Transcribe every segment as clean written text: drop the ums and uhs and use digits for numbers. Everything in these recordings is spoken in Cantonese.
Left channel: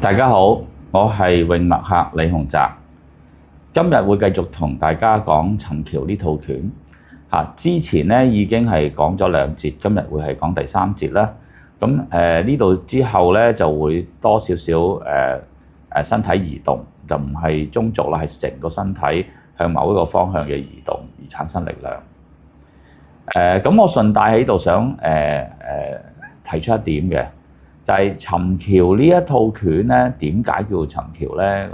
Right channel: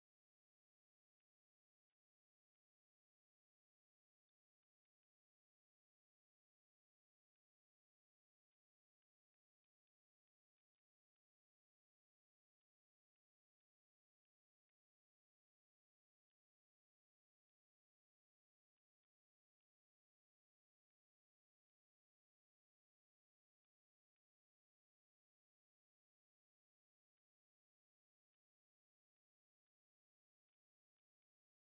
大家好，我係泳墨客李洪澤，今日會繼續同大家講尋橋呢套拳。之前咧已經係講咗2節，今日會係講第3節啦。咁呢度之後咧就會多少少身體移動，就唔係中軸啦，係成個身體向某一個方向嘅移動而產生力量。咁我順帶喺度想提出一點嘅。就係尋橋呢一套拳咧，點解叫做尋橋咧？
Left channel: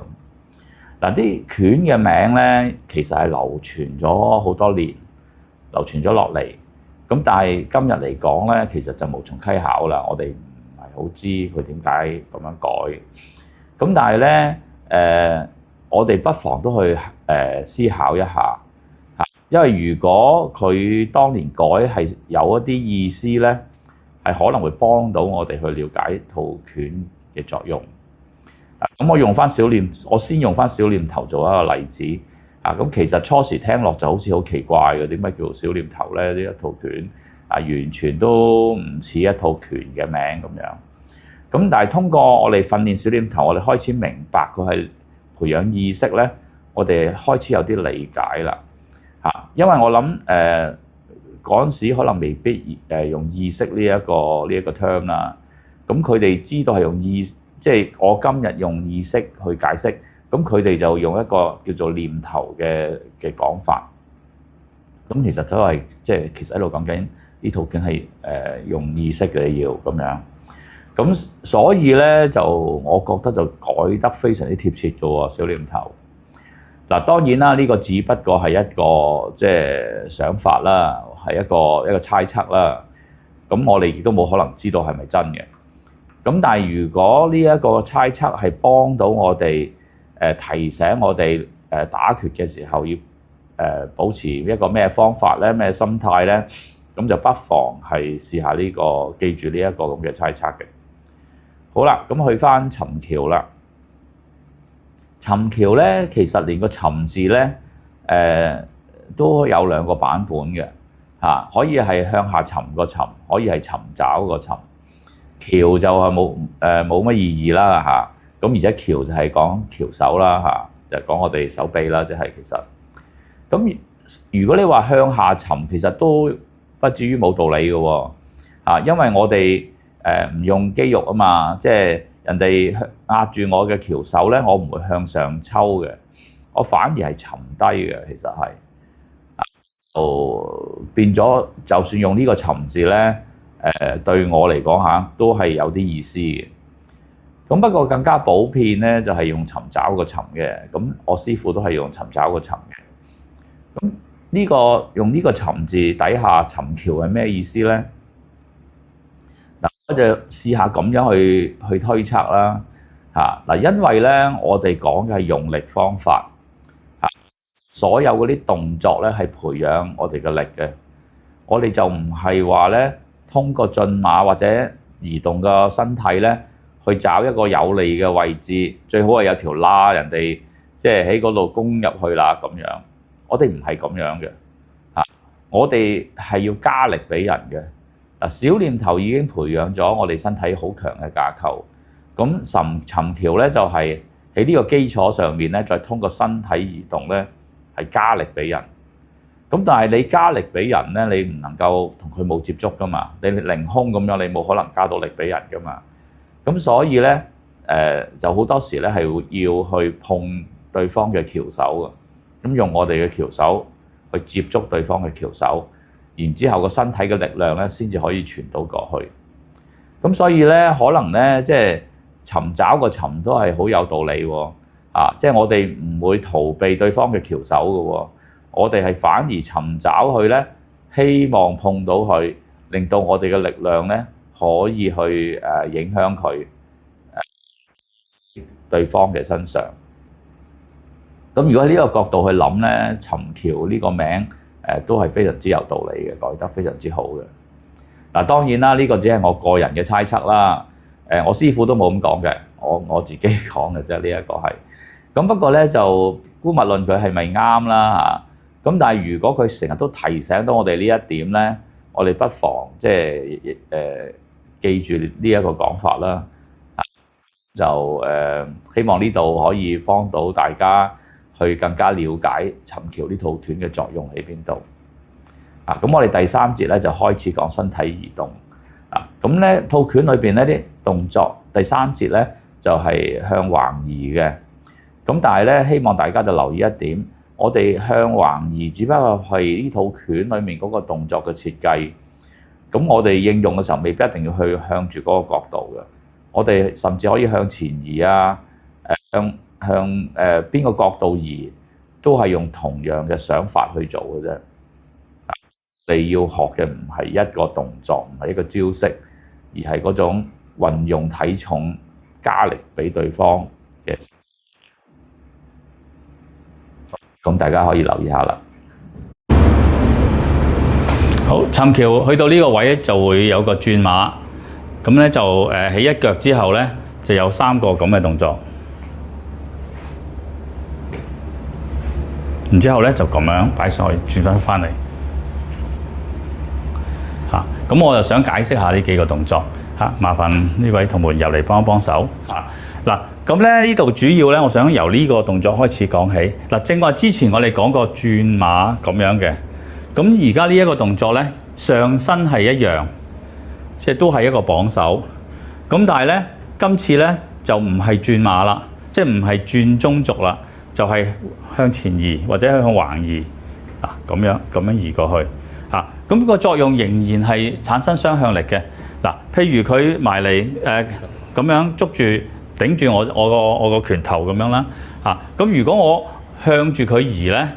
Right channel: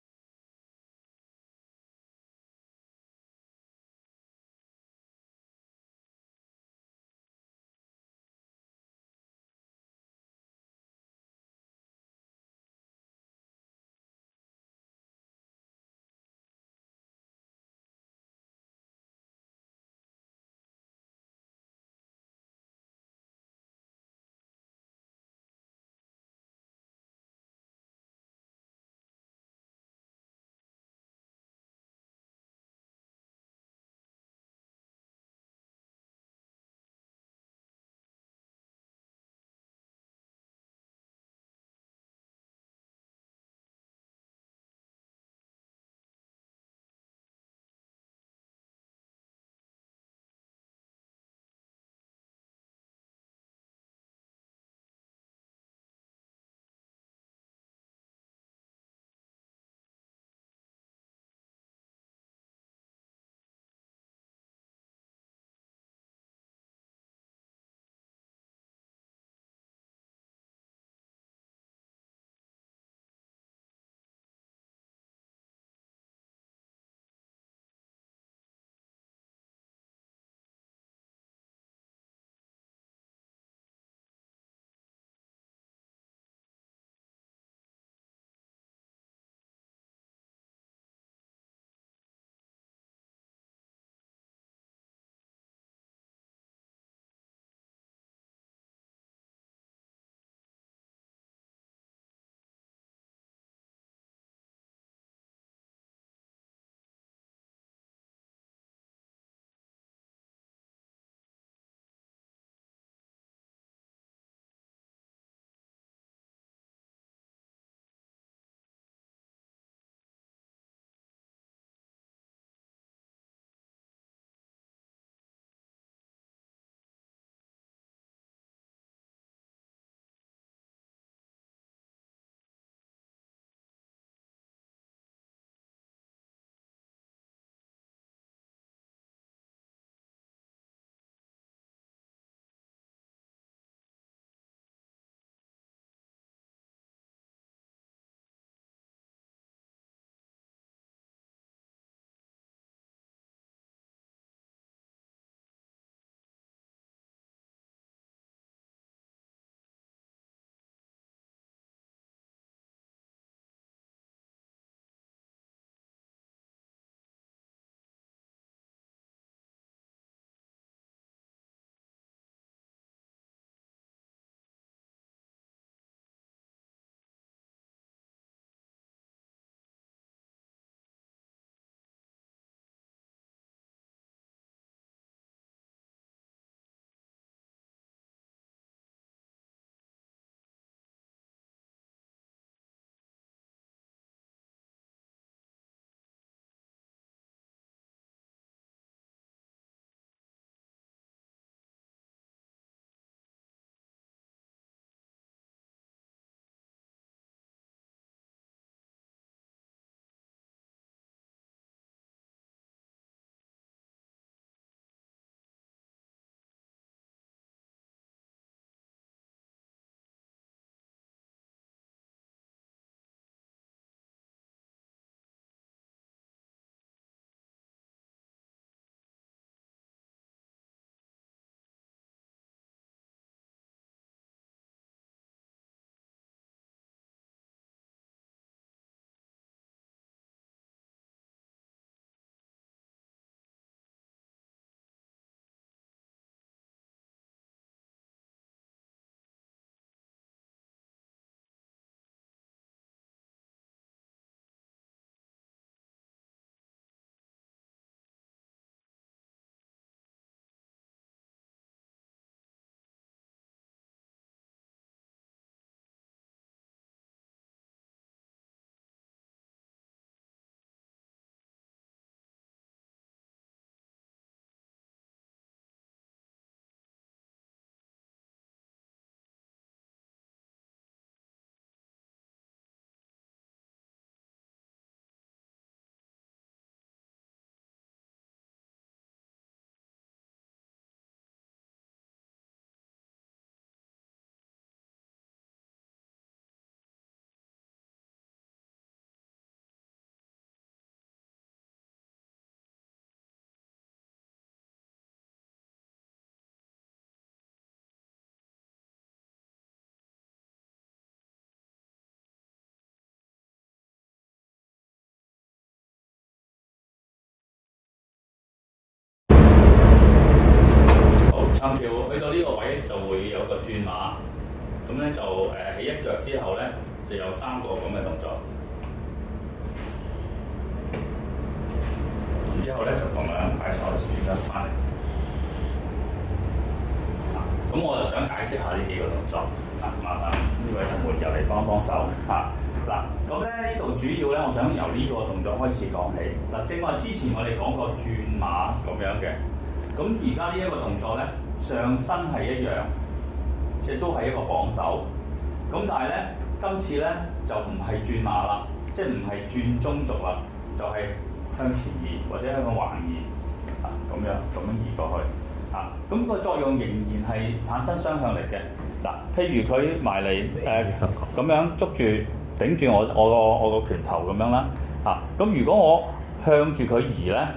嗱，啲拳嘅名咧，其實係流傳咗好多年，流傳咗落嚟。咁但係今日嚟講咧，其實就無從稽考啦。我哋唔係好知佢點解咁樣改。咁但係咧，我哋不妨都去思考一下嚇，因為如果佢當年改係有一啲意思咧，係可能會幫到我哋去了解套拳嘅作用。咁我先用翻小念頭做一個例子。咁其實初時聽落就好似好奇怪嘅，點解叫做小念頭咧？呢一套拳完全都唔似一套拳嘅名咁樣。咁但係通過我哋訓練小念頭，我哋開始明白佢係培養意識咧，我哋開始有啲理解啦。因為我諗嗰陣時可能未必用意識呢一個 term 啦，咁佢哋知道係用即係我今日用意識去解釋，咁佢哋就用一個叫做念頭嘅講法。咁其實就係其實喺度講緊呢套拳係用意識嘅要咁樣。咁所以咧就我覺得就改得非常之貼切嘅喎，小念頭。嗱，當然啦，呢個只不過係一個想法啦，係一個猜測啦。咁我哋亦都冇可能知道係咪真嘅。咁但係如果呢一個猜測係幫到我哋提醒我哋打拳嘅時候要保持一個咩方法咧、咩心態咧，咁就不妨係試下呢個，記住呢一個咁嘅猜測嘅。好啦，咁去翻尋橋啦。尋橋咧，其實連個尋字咧，都有2個版本嘅可以係向下尋個尋，可以係尋找個尋。橋就係冇乜意義啦咁而且橋就係講橋手啦就係講我哋手臂啦，即係其實。咁如果你話向下尋，其實都不至於冇道理嘅喎因為我哋唔用肌肉啊嘛，即係人哋壓住我嘅橋手咧，我唔會向上抽嘅，我反而係沉低嘅。其實係變咗，就算用呢個尋字咧，對我嚟講都係有啲意思嘅。咁不過更加普遍咧，就係用尋找個尋嘅。咁我師傅都係用尋找個尋嘅。咁用呢個尋字底下尋橋係咩意思咧？我就試下咁樣去推測啦因為咧我哋講嘅係用力方法所有嗰啲動作咧係培養我哋嘅力嘅，我哋就唔係話咧通過進馬或者移動個身體咧去找一個有利嘅位置，最好係有條罅人哋即係喺嗰度攻入去啦咁樣。我哋唔係咁樣嘅我哋係要加力俾人嘅。小念頭已經培養咗我哋身體好強嘅架構，咁尋橋咧就係喺呢個基礎上面咧，再通過身體移動咧係加力俾人。咁但係你加力俾人咧，你唔能夠同佢冇接觸噶嘛，你凌空咁樣，你冇可能加到力俾人噶嘛。咁所以咧就好多時咧係要去碰對方嘅橋手嘅，咁用我哋嘅橋手去接觸對方嘅橋手。然之後個身體嘅力量咧，先至可以傳到過去。咁所以咧，可能咧，即係尋找個尋都係好有道理喎。即係我哋唔會逃避對方嘅橋手嘅喎，我哋係反而尋找佢咧，希望碰到佢，令到我哋嘅力量咧可以去影響佢對方嘅身上。咁如果喺呢個角度去諗咧，尋橋呢個名都係非常之有道理嘅，改得非常之好嘅。當然啦，呢個只係我個人嘅猜測啦。我師傅都冇咁講嘅，我自己講嘅啫。呢一個係咁，不過咧就姑勿論佢係咪啱啦咁但係如果佢成日都提醒到我哋呢一點咧，我哋不妨記住呢一個講法啦。就希望呢度可以幫到大家去更加了解尋橋呢套拳嘅作用喺邊度。咁我哋第3節咧就開始講身體移動。咁咧套拳裏邊呢啲動作，第3節咧就係向橫移嘅。咁但係咧，希望大家就留意一點，我哋向橫移只不過係呢套拳裏面嗰個動作嘅設計。咁我哋應用嘅時候，未必一定要去向住嗰個角度嘅。我哋甚至可以向前移啊，向邊個角度移，都係用同樣嘅想法去做嘅啫。你要學嘅唔係一個動作，唔係一個招式，而係嗰種運用體重加力俾對方嘅。咁大家可以留意下啦。好，尋橋去到呢個位就會有個轉馬，咁咧就起一腳之後咧就有3個咁嘅動作，然之後咧就咁樣擺上去轉翻嚟。咁我就想解釋下呢幾個動作麻煩呢位同門入嚟幫一幫手嗱。咁咧呢度主要咧，我想由呢個動作開始講起嗱。正話之前我哋講過轉馬咁樣嘅，咁而家呢一個動作咧上身係一樣，即係都係一個綁手。咁但係咧今次咧就唔係轉馬啦，即係唔係轉中軸啦，就係向前移或者向橫移咁樣移過去。咁個作用仍然係產生雙向力嘅譬如佢埋嚟咁樣捉住頂住我個拳頭咁樣啦咁如果我向住佢移咧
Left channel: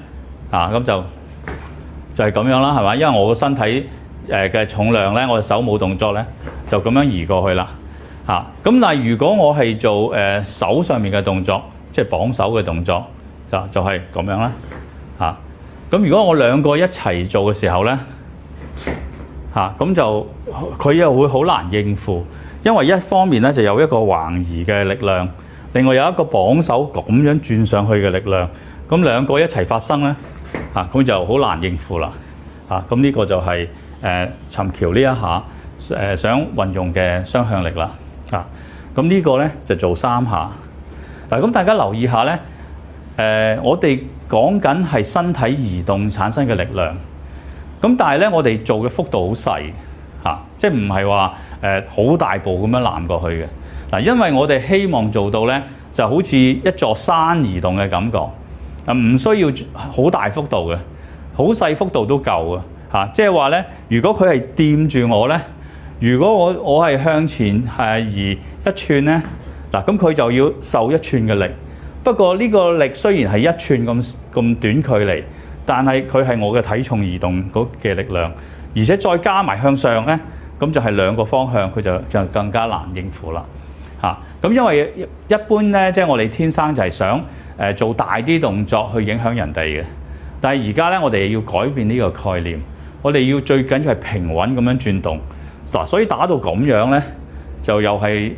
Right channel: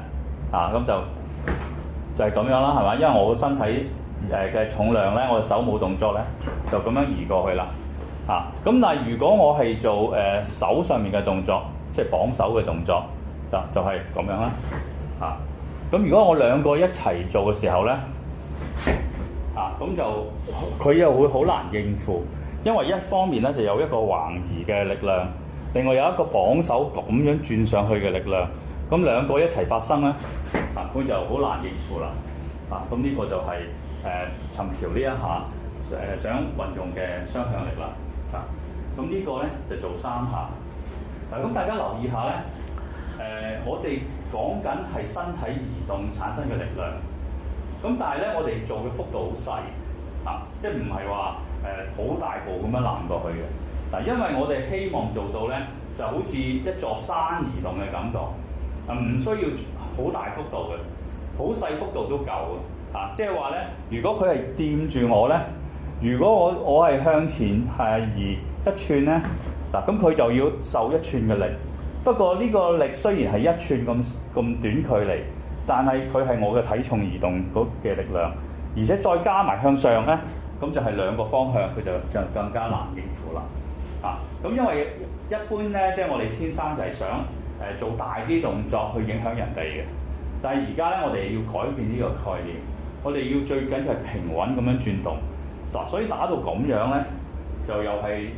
咁就係咁樣啦，係嘛？因為我個身體嘅重量咧，我手冇動作咧，就咁樣移過去啦咁但係如果我係做手上面嘅動作，即係綁手嘅動作，就係咁樣啦咁如果我兩個一齊做嘅時候咧咁就佢又會好難應付，因為一方面咧就有一個橫移嘅力量，另外有一個綁手咁樣轉上去嘅力量，咁兩個一齊發生咧咁就好難應付啦咁呢個就係尋橋呢一下想運用嘅雙向力啦咁呢個咧就做3下咁大家留意下咧我哋講緊係身體移動產生嘅力量。咁但係咧，我哋做嘅幅度好細即係唔係話好大步咁樣攬過去嘅因為我哋希望做到咧，就好似一座山移動嘅感覺唔需要好大幅度嘅，好細幅度都夠嘅即係話咧，如果佢係掂住我咧，如果我係向前移1寸咧咁佢就要受1寸嘅力。不過呢個力雖然係1寸咁短距離，但係佢係我嘅體重移動嘅力量，而且再加埋向上咧，咁就係2個方向，佢就更加難應付啦咁因為一般咧，即係我哋天生就係想做大啲動作去影響人哋嘅，但係而家咧我哋要改變呢個概念，我哋要最緊要係平穩咁樣轉動所以打到咁樣咧，就又係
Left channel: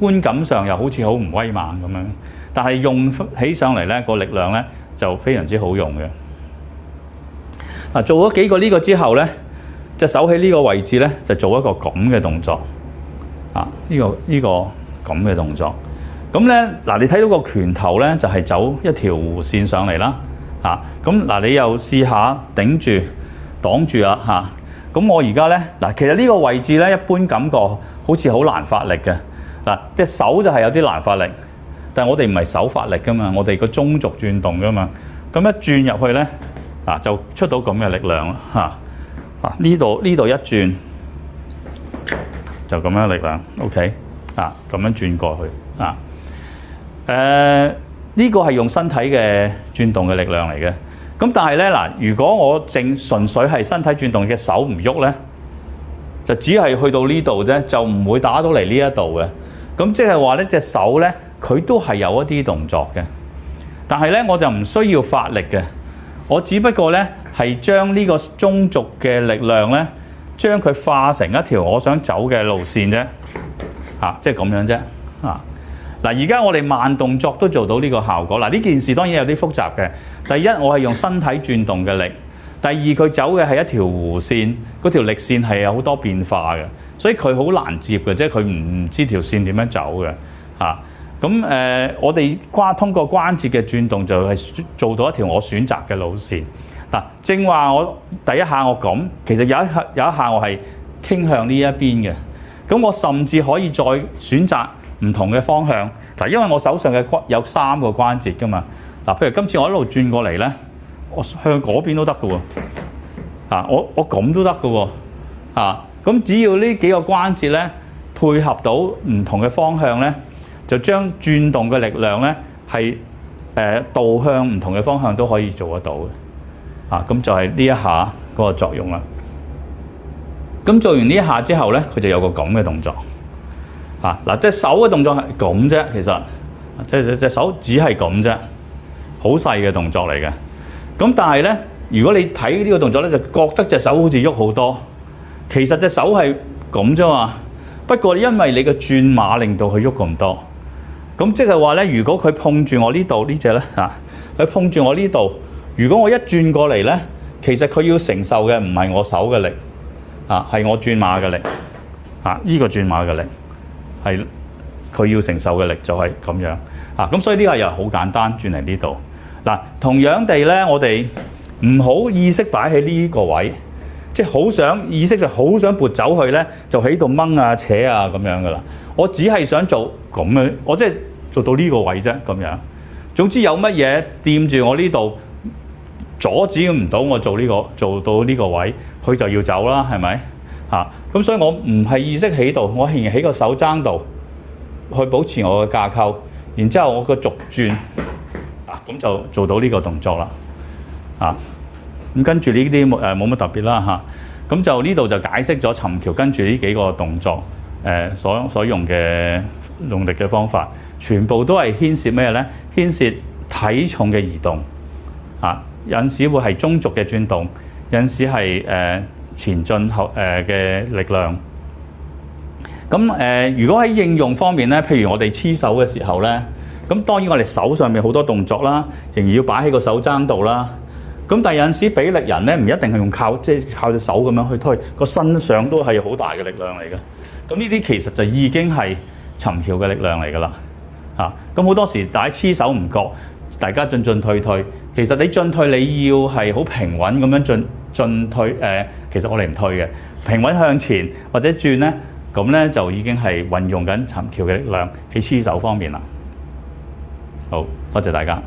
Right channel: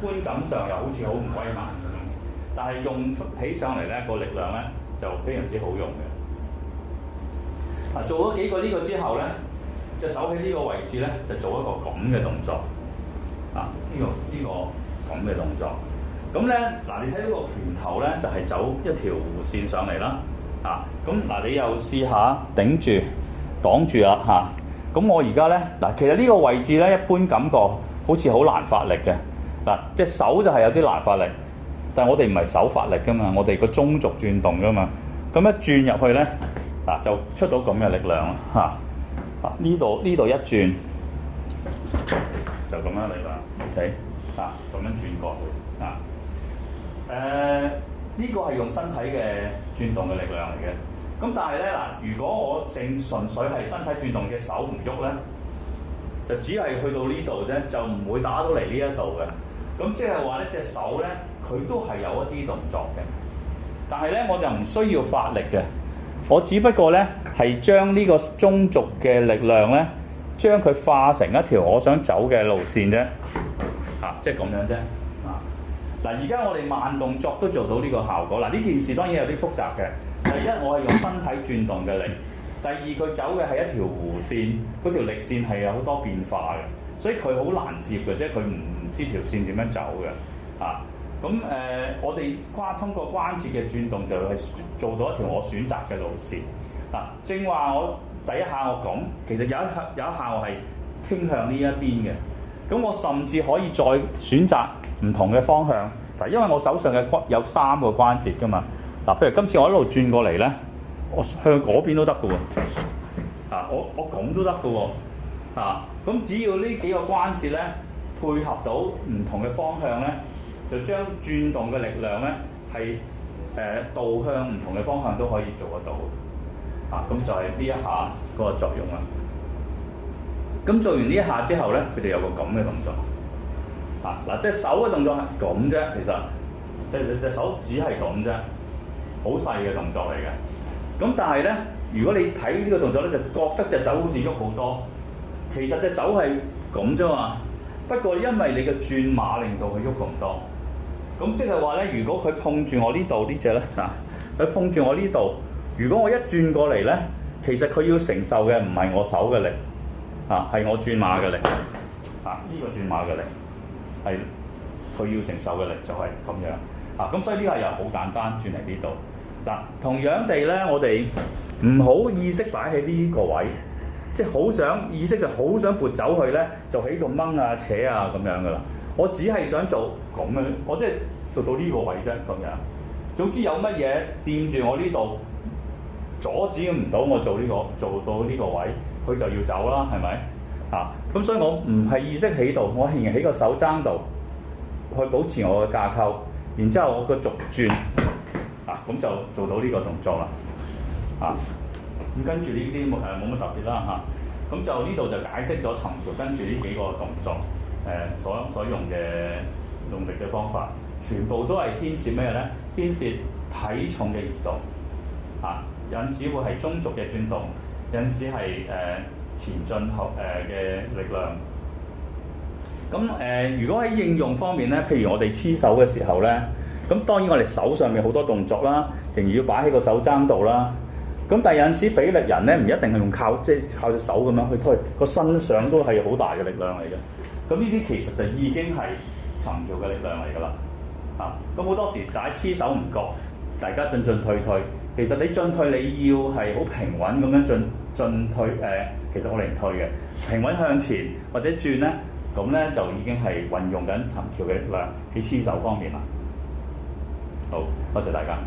觀感上又好似好唔威猛咁樣，但係用起上嚟咧個力量咧就非常之好用嘅。做咗幾個呢個之後咧，隻手喺呢個位置咧就做一個咁嘅動作呢個咁嘅動作。咁咧你睇到個拳頭咧就係走一條弧線上嚟啦咁你又試下頂住擋住咁我而家咧其實呢個位置咧一般感覺好似好難發力嘅隻手就係有啲難發力，但係我哋唔係手發力噶嘛，我哋個中軸轉動噶嘛，咁一轉入去咧就出到咁嘅力量呢度一轉就咁樣嘅力量 ，OK 咁樣轉過去呢個係用身體嘅轉動嘅力量嚟嘅。咁但係咧如果我純粹係身體轉動嘅手唔喐咧，就只係去到呢度啫，就唔會打到嚟呢一度嘅。咁即係話呢隻手咧佢都係有一啲動作嘅，但係咧我就唔需要發力嘅。我只不過咧係將呢個中軸嘅力量咧，將佢化成一條我想走嘅路線啫，即係咁樣啫，而家我哋慢動作都做到呢個效果。呢件事當然有啲複雜嘅。第一，我係用身體轉動嘅力；第二，佢走嘅係一條弧線，嗰條力線係有好多變化嘅，所以佢好難接嘅，即係佢唔知條線點樣走嘅嚇。我哋通過關節嘅轉動就係做到一條我選擇嘅路線。嗱，正話我第一下我咁，其實有一下我係傾向呢一邊嘅。咁我甚至可以再選擇唔同嘅方向。嗱，因為我手上嘅有3個關節㗎嘛。嗱，譬如今次我一路轉過嚟咧，我向嗰邊都得㗎喎。我咁都得㗎喎。咁只要呢幾個關節咧配合到唔同嘅方向咧，就將轉動嘅力量咧係導向唔同嘅方向都可以做得到嘅。咁就係呢一下嗰個作用啦。咁做完呢一下之後咧，佢就有個咁嘅動作。嗱，隻手嘅動作係咁啫，其實隻手只係咁啫，好細嘅動作嚟嘅。咁但係咧，如果你睇呢個動作咧，就覺得隻手好似喐好多，其實隻手係咁啫嘛。不過因為你嘅轉碼令到佢喐咁多，咁即係話咧，如果佢碰住我呢度呢隻咧佢碰住我呢度，如果我一轉過嚟咧，其實佢要承受嘅唔係我手嘅力，係我轉碼嘅力，呢個轉碼嘅力係佢要承受嘅力就係咁樣。咁所以呢個又好簡單，轉嚟呢度。同樣地咧，我哋唔好意識擺喺呢個位，即係好想意識就好想撥走去咧，就喺度掹啊扯啊咁樣噶啦。我只係想做咁樣，我即係做到呢個位啫咁樣。總之有乜嘢掂住我呢度，阻止唔到我做到呢個位，佢就要走啦，係咪？咁所以我唔係意識喺度，我係喺個手踭度去保持我嘅架構，然之後我個軸轉，咁就做到呢個動作啦。咁跟住呢啲冇乜特別啦。咁就呢度就解釋咗尋橋跟住呢幾個動作所用嘅用力嘅方法，全部都係牽涉咩咧？牽涉體重嘅移動。有陣時會係中軸嘅轉動，有陣時係前進後嘅力量。咁如果喺應用方面咧，譬如我哋黐手嘅時候咧，咁當然我哋手上面好多動作啦，仍然要擺喺個手踭度啦。咁但係有陣時比力人咧，唔一定係用靠隻手咁樣去推，個身上都係好大嘅力量嚟嘅。咁呢啲其實就已經係尋橋嘅力量嚟㗎啦。咁好多時大家黐手唔覺，大家進退。其實你進退你要係好平穩咁樣進退。其實我哋唔退嘅，平穩向前或者轉咧，咁咧就已經係運用緊尋橋嘅力量喺黐手方面啦。好，多謝大家。